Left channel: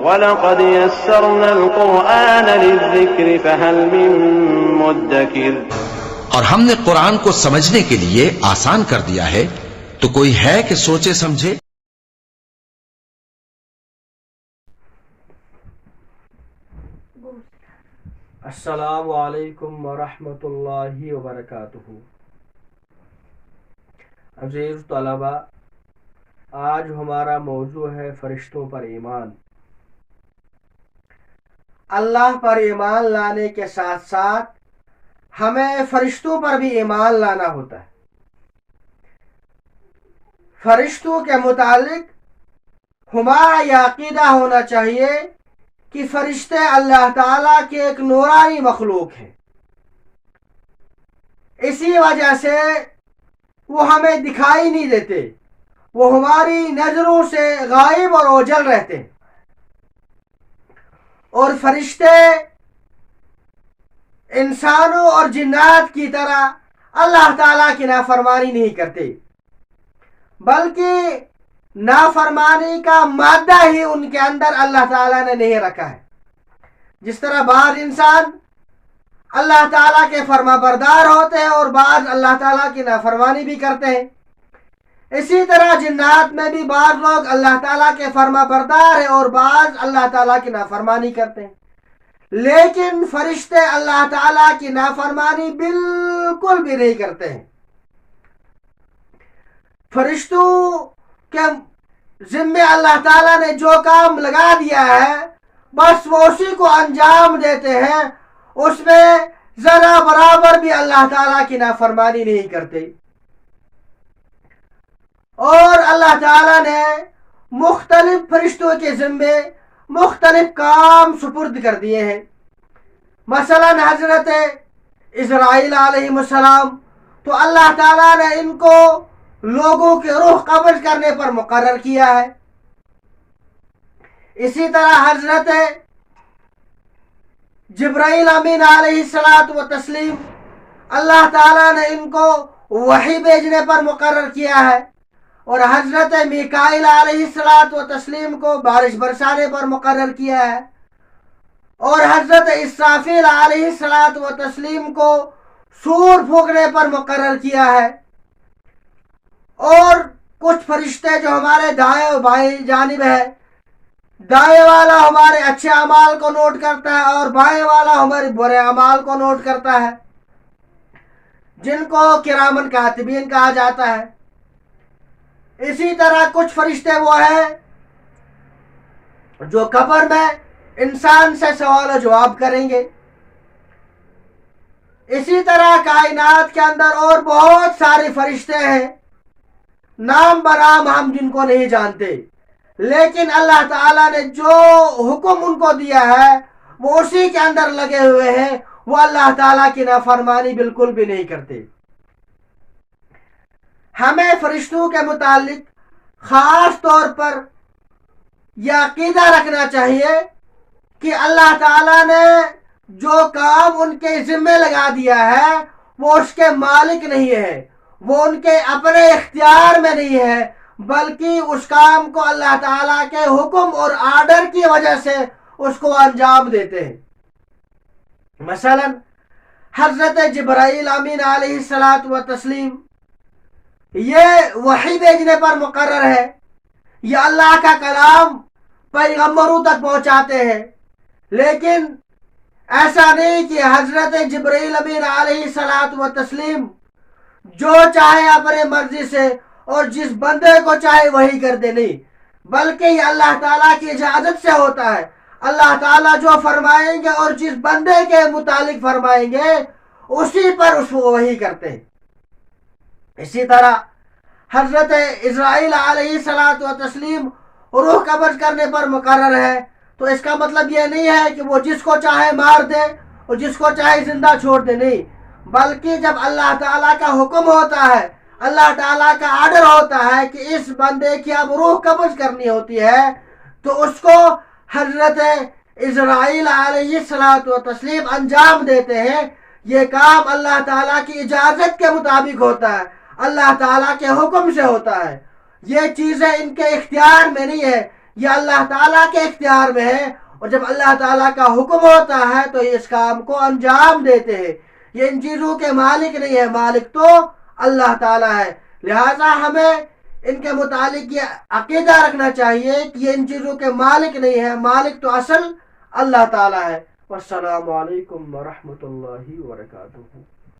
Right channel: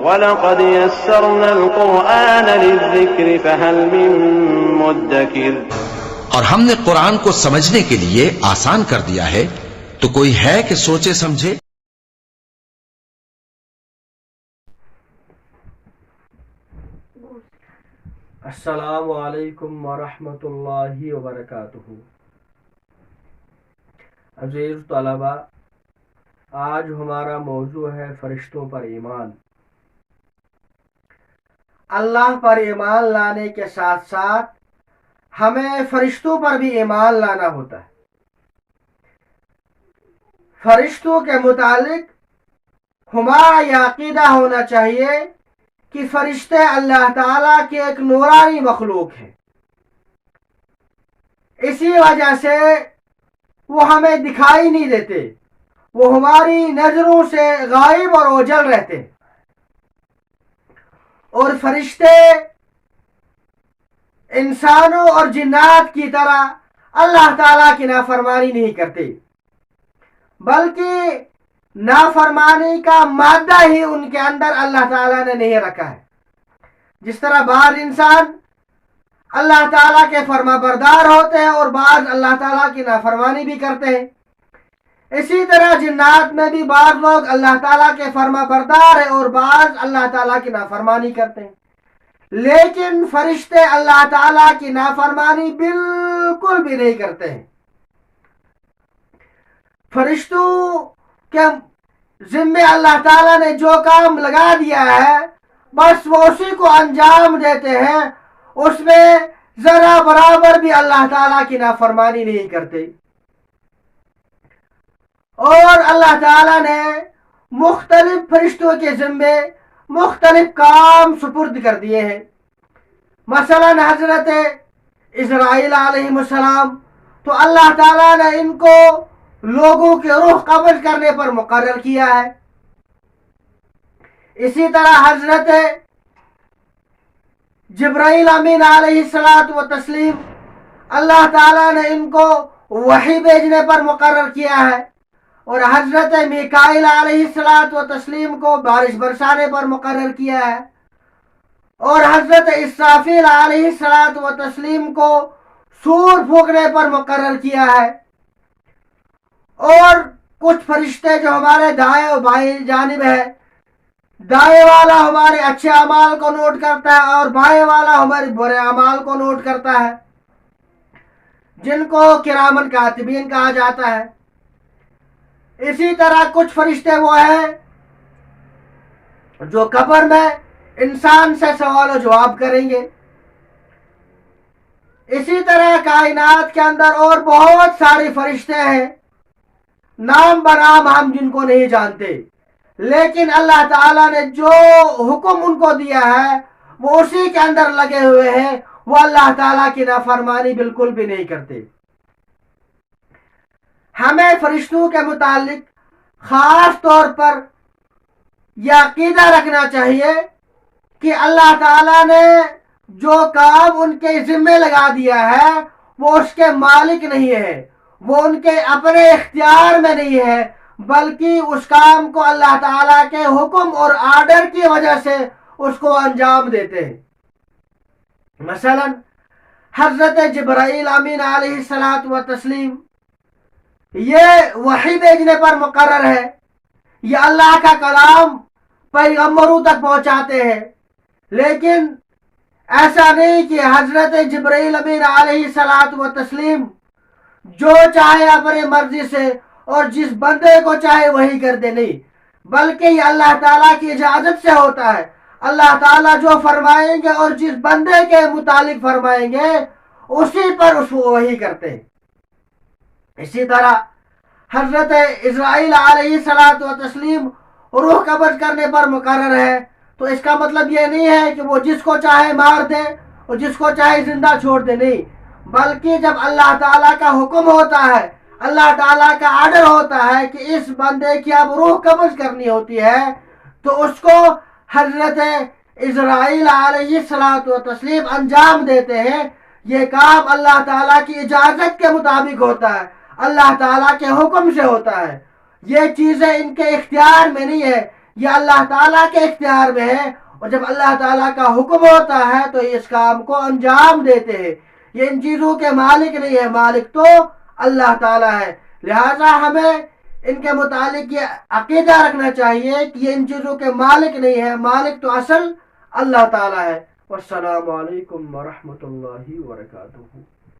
وَلَقَدْ يَسَّرْنَا الْقُرْآنَ لِلذِّكْرِ فَهَلْ مِن مُّدَّكِرٍ۔ اور ہم نے قرآن کو سمجھنے کے لیے آسان کر دیا ہے، تو کوئی ہے کہ سوچے سمجھے؟ السلام علیکم ورحمۃ اللہ وبرکاتہ۔ عزیز طلبہ، آج ہمارا موضوع ہے فرشتوں پر ایمان۔ اللہ پر ایمان لانے کے ساتھ ساتھ ہمیں فرشتوں پر بھی ایمان لانا ہوتا ہے۔ فرشتوں کے متعلق ہمارا یہ عقیدہ ہونا چاہیے کہ فرشتے اللہ تعالیٰ کے ایک نورانی مخلوق ہیں، اسی وجہ سے وہ ہمیں دکھائی نہیں دیتے، وہ ہماری نظروں سے غائب اور اوجھل رہتے ہیں۔ اور فرشتے انسانوں اور جنات کی طرح اللہ تعالیٰ کی نافرمانی نہیں کرتے، بلکہ نافرمانی کا مادہ ہی ان کے اندر اللہ تعالیٰ نے نہیں رکھا ہے۔ جس طرح بعض انسان اللہ تعالیٰ کے فرما بردار ہوتے ہیں اور بعض اللہ تعالیٰ کی نافرمانی بھی کرتے ہیں، اسی طرح جنات میں بھی بعض لوگ اللہ تعالیٰ کے فرما بردار ہیں اور بعض اللہ تعالیٰ کی نافرمانی کرتے ہیں، لیکن فرشتے اللہ تعالیٰ کی نافرمانی بالکل بھی نہیں کرتے ہیں۔ فرشتوں کے ذمے اللہ تعالیٰ نے جو کام لگا دیا ہے بس وہ اسی کو انجام دیتے ہیں، اس میں ذرا برابر بھی اللہ تعالیٰ کی نافرمانی نہیں کرتے۔ اور اللہ تعالیٰ نے مختلف فرشتوں کے ذمے مختلف کام سپرد کر دیے ہیں۔ مثلا حضرت اسرائیل علیہ السلام تو اللہ تعالیٰ نے ان کو لوگوں کے روح قبض کرنے پر مقرر کیا ہے۔ اسی طرح حضرت جبرائیل امین علیہ السلام اللہ تعالیٰ نے ان کو وحی بھیجنے پر مقرر کیا ہے، اور حضرت میکائیل علیہ السلام کو بارش برسانے پر مقرر کیا ہے، اور حضرت اسرافیل علیہ السلام کو سور پھونکنے پر مقرر کیا ہے۔ اور کچھ فرشتے جو ہمارے دائیں و بائیں جانب ہے، دائیں والا ہمارے اچھے اعمال کو نوٹ کرتا ہے اور بائیں والا ہمارے برے اعمال کو نوٹ کرتا ہے، جن کو کرامن کاتبین کہا جاتا ہے۔ اسی طرح کچھ فرشتے وہ ہیں جو قبر میں انسان سے سوال و جواب کریں گے۔ اسی طرح کائنات کے اندر اور بہت سارے فرشتے ہیں، نام برام ہم جن کو نہیں جانتے، لیکن اللہ تعالیٰ نے جو حکم ان کو دیا ہے وہ اسی کے اندر لگے ہوئے ہیں، وہ اللہ تعالیٰ کی نافرمانی بالکل بھی نہیں کرتے۔ ہمیں فرشتوں کے متعلق خاص طور پر یہ عقیدہ رکھنا چاہیے کہ اللہ تعالیٰ نے جو کام ان کے ذمے لگا دیا ہے وہ اس کے مالک نہیں ہے، وہ ان کے اپنے اختیار میں نہیں ہے، بلکہ اس کام کو اللہ تعالیٰ کے حکم اور آرڈر کی وجہ سے اس کو انجام دیتے ہیں۔ مثلا حضرت جبرائیل امین علیہ السلام یہ وحی بھیجنے پر مقرر ہے، یہ اللہ کا کلام پیغمبروں تک پہنچاتے ہیں، لیکن ایسا نہیں کہ حضرت جبرائیل امین علیہ السلام جو چاہے اپنے مرضی سے اور جس بندے کو چاہے وہی کر دے، نہیں، بلکہ یہ اللہ تعالیٰ کی اجازت سے ہوتا ہے۔ اللہ تعالیٰ جو فرمائیں گے اور جس بندے کے متعلق فرمائیں گے اسی پر اس کو وہی کرتے ہیں۔ اسی طرح حضرت اسرائیل علیہ السلام روح قبض کرنے پر مقرر ہے، تو اس کا مطلب یہ نہیں ہے کہ وہ جس کو چاہے مار دے اور جس کو چاہے زندہ چھوڑ دے، نہیں، بلکہ جب اللہ تعالیٰ کا حکم ہوتا ہے، اللہ تعالیٰ کا آرڈر ہوتا ہے کہ اس بندے کی اب روح قبض کرنی ہوتی ہے، تو اس کو حضرت اسرائیل علیہ السلام انجام دیتے ہیں۔ یہ کام اللہ تعالیٰ کی اجازت کے مطابق ہوتا ہے، اللہ تعالیٰ کے حکم سے ہوتا ہے، یہ چیزیں ان کے اختیار میں نہیں ہے، یہ اللہ تعالیٰ کے اختیار میں ہے، اور جب اللہ تعالیٰ کا حکم ہوتا ہے تو یہ اس کام کو انجام دیتے ہیں۔ یہ ان چیزوں کے مالک نہیں ہے، مالک تو اللہ تعالیٰ ہے۔ لہٰذا ہمیں ان کے متعلق یہ عقیدہ رکھنا چاہیے کہ یہ ان چیزوں کے مالک نہیں ہے، مالک تو اصل اللہ تعالیٰ ہے۔ والسلام علیکم ورحمۃ اللہ وبرکاتہ۔